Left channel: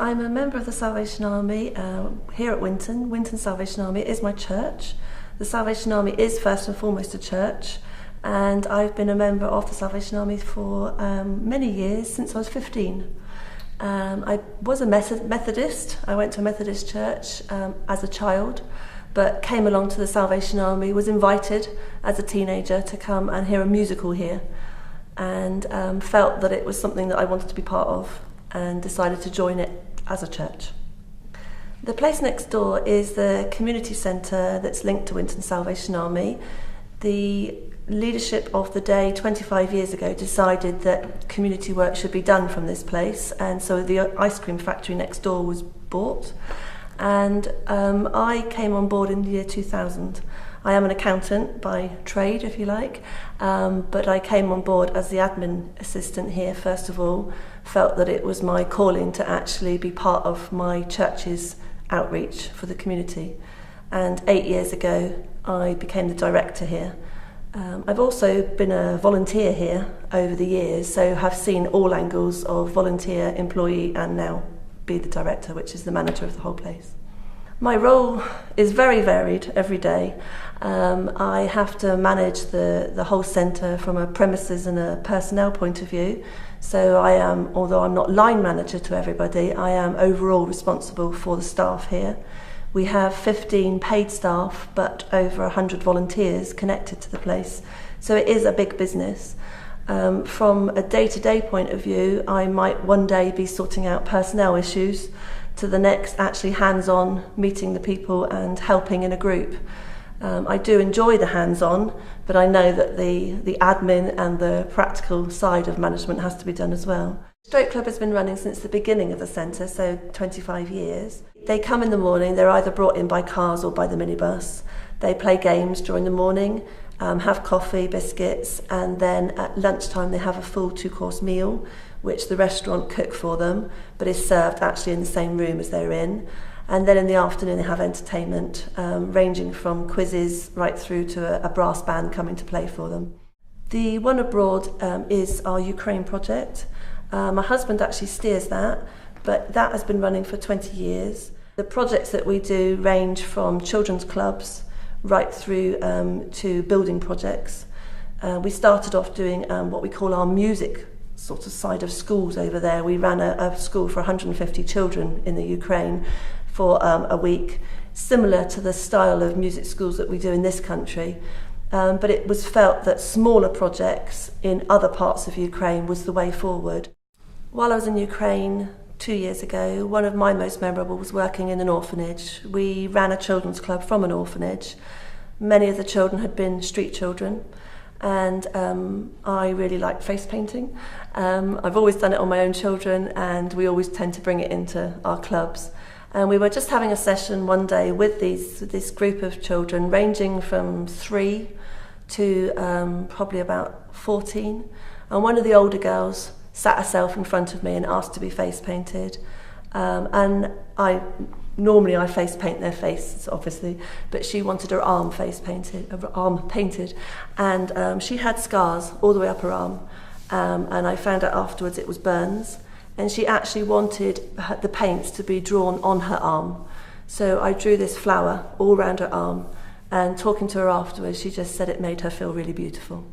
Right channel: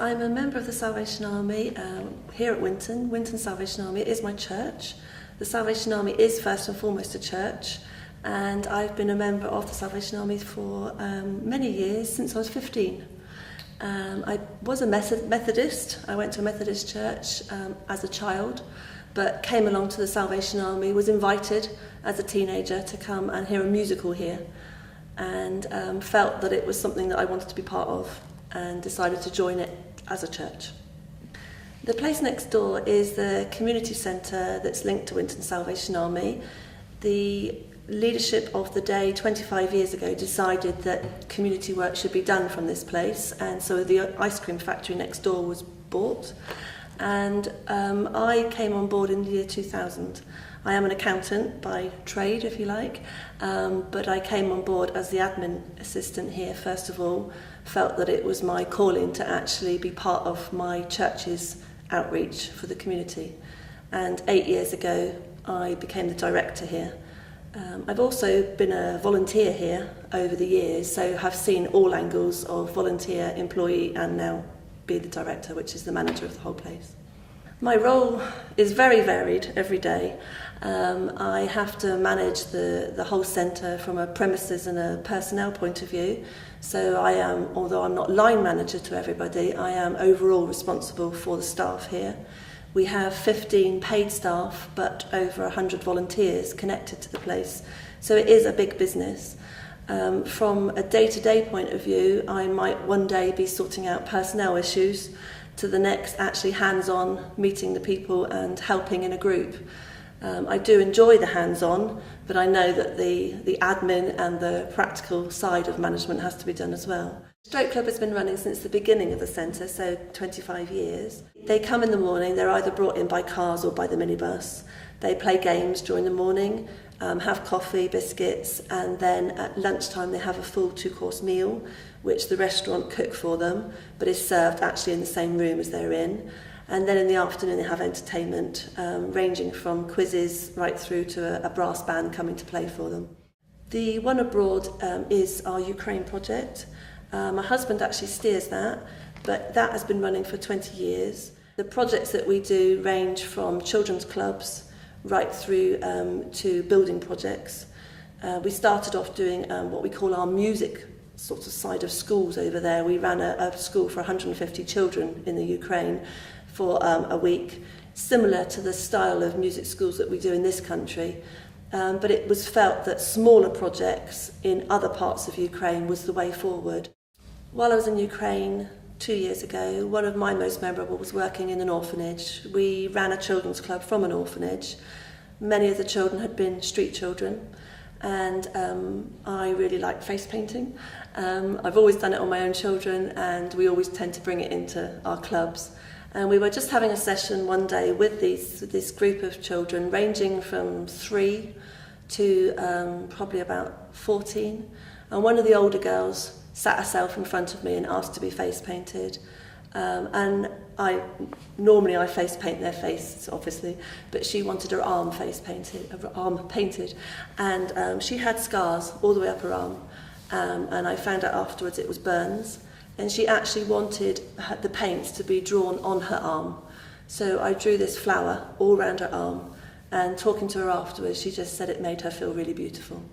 I'm a member of the Salvation Army here at Winton. Winton Salvation Army is my church. The Salvation Army is first and foremost a church, and I've been a member of the Salvation Army for many years, since I was 15. I was a Methodist. I went to a Methodist church as a child, but came along to the Salvation Army, was invited as a teenager to come and hear a musical here, and felt that it was something that I wanted to be part of, and decided to join it as a church. The place next door is the community centre that's linked to Winton Salvation Army. The leadership of the day 25 years ago decided that community work should be done from this place, and so the ice cream factory next door was bought, and I came on board in the year 2000. I am an accountant by trade, if you like, but I came on board as the admin assistant here first of all. Felt that it was my calling to actually be part of my church's outreach for the community, and 8 years ago I became the director here. I've also been a volunteer here over the years, so have seen all angles of volunteer, employee, and now be the director, which is the manager of the whole place. My role is very varied every day. I have to manage the whole centre from a premises and a personnel point of view. So I am, although I'm not line manager to everybody, I am overall responsible for the staff here. We have 15 paid staff, but over 100 volunteers connected to the place. So it is a big business. From a day-to-day point of view, I might one day be sorting out personnel issues, to the next actually hands-on, meeting the people and helping in a group. I do enjoy the hands-on, but I know that the admin and the practical side of management has to be done as well. Stroke Club has been running since the beginning of the centre, so 25 years. They come in the morning, they're either brought in by cars or by the minibus. They play games during the morning, have coffee, biscuits, and then at lunchtime they have a full 2-course meal, which the restaurant cook for them, but is served actually in the same room as they're in. And then in the afternoon they have entertainment, ranging from quizzes right through to a brass band coming to play for them. The One Abroad is our Ukraine project. My husband actually steers that, but that has been running for 20 years. The projects that we do range from children's clubs right through to building projects. We started off doing what we call our music sort of side of schools over there. We ran a school for 150 children in the Ukraine for a week, similar to the style of music schools that we do in this country. But it was felt that smaller projects in other parts of Ukraine was the way forward. While I was in Ukraine 2 years ago, one of my most memorable was working in an orphanage. We ran a children's club from an orphanage. Many of the children had been street children, and I really like face painting. I've always done it on my own children, and we always tend to bring it into our clubs. And we were just having a session one day with this group of children, ranging from 3 to probably about 14. And one of the older girls sat herself in front of me and asked to be face painted. And normally I face paint their face, obviously, but she wanted her arm painted, and she had scars all the way up her arm. And I found out afterwards it was burns. And she actually wanted the paint to be drawn on her arm. So I drew this flower all around her arm, and talking to her afterwards, she just said it made her feel really beautiful.